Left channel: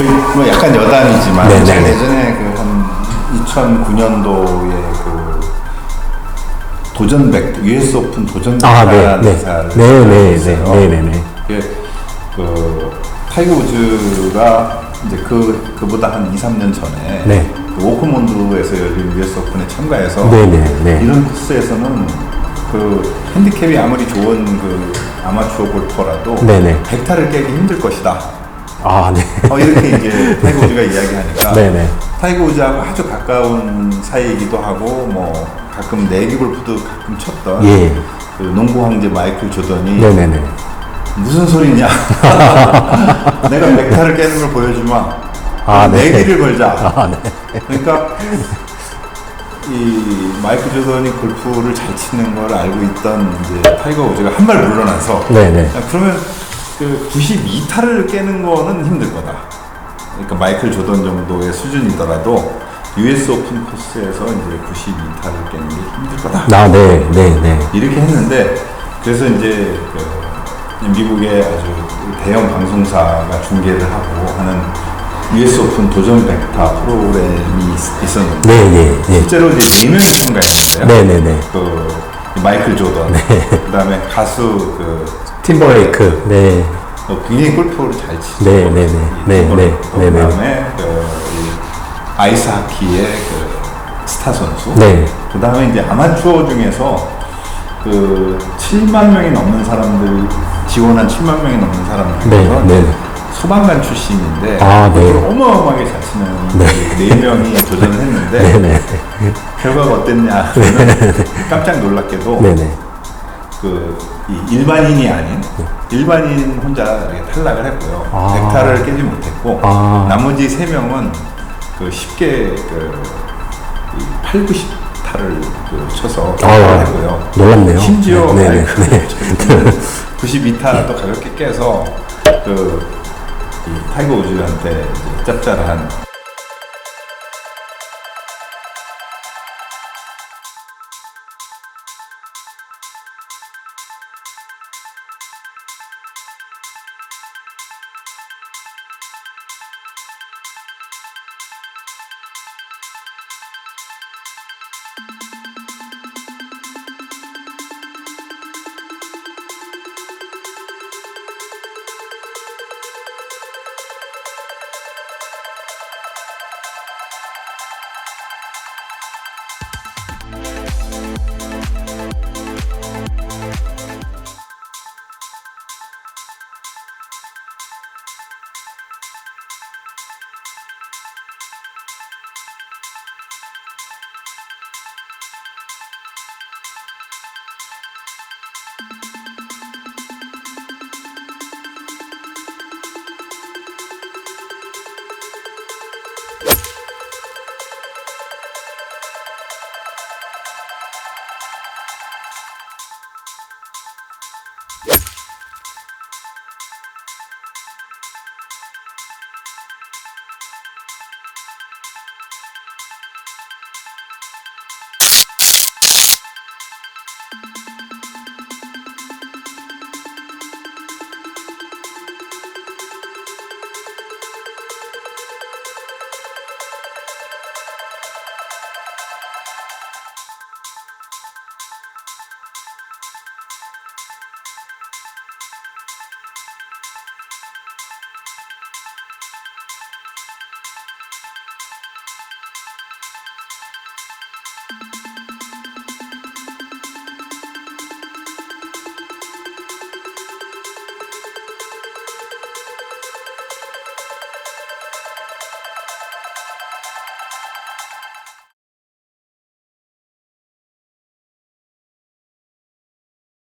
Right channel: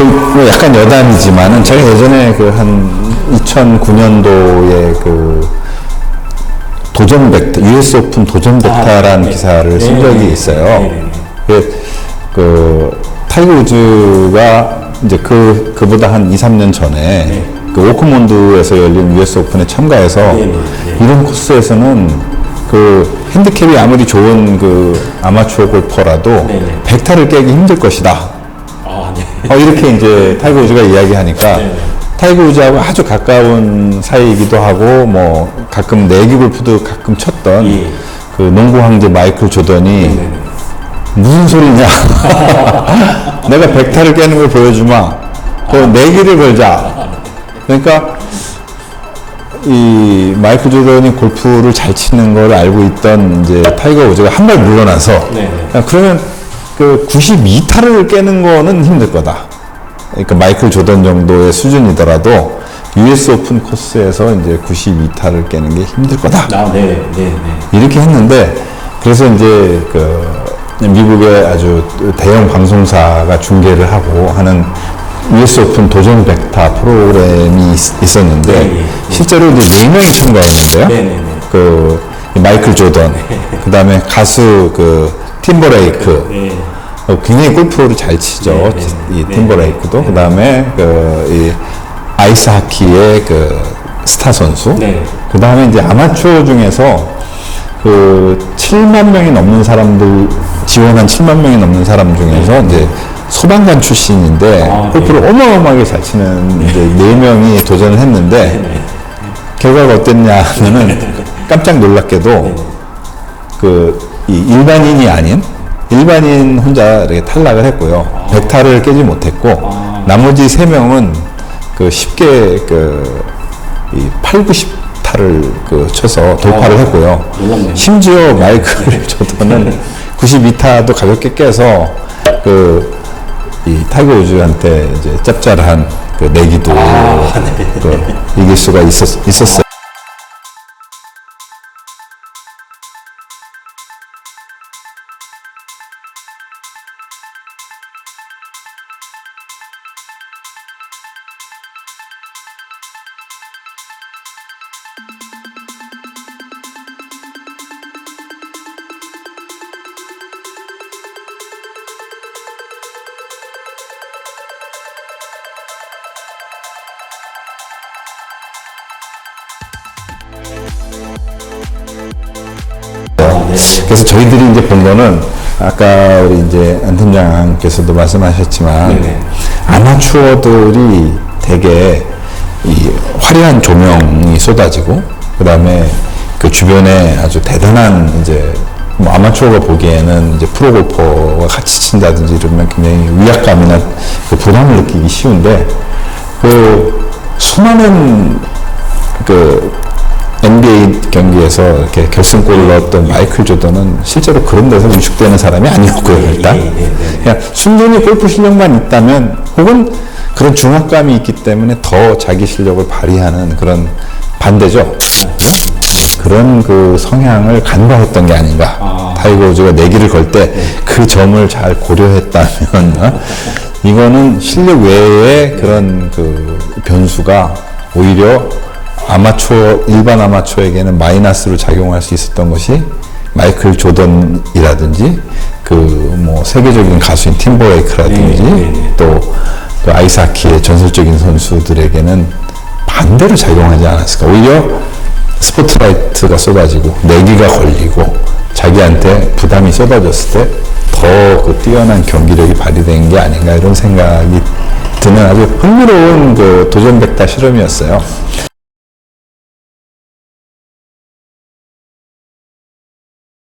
그, 뭐 약간 여담이지만 네, 제가 네. 예전에 그 한 2009년도에 그 도전 벡터, US 오픈 도전 아, 네, 네. 기사를 네, 쓴 적이 네, 있어요. 네, 네, 네. 그, 그 타이거 우즈가 이제 그 그보다 한 2, 3년 전에 네. 그 오크몬드에서 열린 US 오픈에 참가해서. 이런 코스에서는 그 핸디캡이 아무리 좋은 그 아마추어 골퍼라도 네, 네. 백타를 깨기 힘들 것이다. 아, 네. 어, 이렇게 이제 타이거 우즈가 이야기하니까 네네. 타이거 우즈하고 아주 가까운 사이이기도 하고 뭐 가끔 내기 골프도 가끔 쳤던 예. 그 농구 황제 마이클 조던이 네네네. 무슨 소리냐 내가 백타를 깨는 걸 보여주마 그 아, 네. 내기를 걸자 그러니까 이 마이클 조던이 골프를 잘 치는 걸 알고 있던 이제 타이거 우즈가 한 발 물러나서 네네. 아, 그러면 그 92타를 깨는 거는 힘들 거다. 그러니까 마이클 조던 정도의 수준이더라도 US 오픈 코스에서 이제 92타를 깨는 게 힘들 거다. 아, 네, 네, 네. 이렇게 했는데 그래서 이제 그 미국의 아주 대형 방송사가 중계를 하고 하는 US 오픈 도전 벡타 프로그램이 있- 있었는데 예, 예, 예. 실제로 이제 네 명이 참가했는데요. 네, 네, 네. 그 마이클 조던, 그다음에 가수 그 팀버레이크, 네. 어, 굉장히 골프를 잘 치죠. 네, 네, 이 네, 팀버레이크도 네, 네. 그다음에 그이 아이스 하키의 그 스타 선수. 네. 그다음에 이제 아마추어 중에서 그 7만 명이 넘는 사람들 지원한 7만 명이 넘는 사람 중에서 네, 이제 네. 소방관 출신인데 아, 네. 골프를 어마어마하게 잘 치는 이제 네 명이 도전을 했는데 네. 결과가 어땠냐 하면 깜짝 놀랍게도 네 네. 그, 이 일반인이 아닌 일반인 혼자 이렇게 탈락을 했고요. 백타를 깨지 못했고, 아. 나머지 세 명은 그 쉽게 그, 이 8, 90타를 그 쳐서 돌파를 아, 했고요. 놀랍네요. 심지어 마이클 조던은 92타도 가볍게 깨서 그, 이 타이거 우즈한테 이제 짭짤한 그 내기도 그 이길 수가 있었, 있었어요. 그래서 저희들이 이제 본 거는 아까 우리 이제 안 팀장께서도 말씀하셨지만 네네. 아마추어들이 되게 이 화려한 조명이 쏟아지고 그다음에 그 주변에 아주 대단한 이제 뭐 아마추어가 보기에는 이제 프로 골퍼와 같이 친다든지 이러면 굉장히 위압감이나 그 부담을 느끼기 쉬운데 그 수많은 그 NBA 경기에서 이렇게 결승골을 넣었던 마이클 조던은 실제로 그런 데서 위축되는 사람이 아니었고요, 일단. 예, 예, 예. 그냥 순전히 골프 실력만 있다면 혹은 그런 중압감이 있기 때문에 더 자기 실력을 발휘하는 그런 반대죠. 그런 그 성향을 간과했던 게 아닌가. 타이거 우즈가 내기를 걸 때 그 점을 잘 고려했다면 어? 이거는 실력 외에 그런 그 변수가 오히려 아마추어 일반 아마추어에게는 마이너스로 작용할 수 있었던 것이 마이클 조던이라든지 그 뭐 세계적인 가수인 팀버레이크라든지 네, 네, 네. 또, 또 아이스하키의 전설적인 선수들에게는 반대로 작용하지 않았을까. 오히려 스포트라이트가 쏟아지고 내기가 걸리고 자기한테 부담이 쏟아졌을 때 더 그 뛰어난 경기력이 발휘된 게 아닌가 이런 생각이 드는 아주 흥미로운 그 도전 백타 실험이었어요.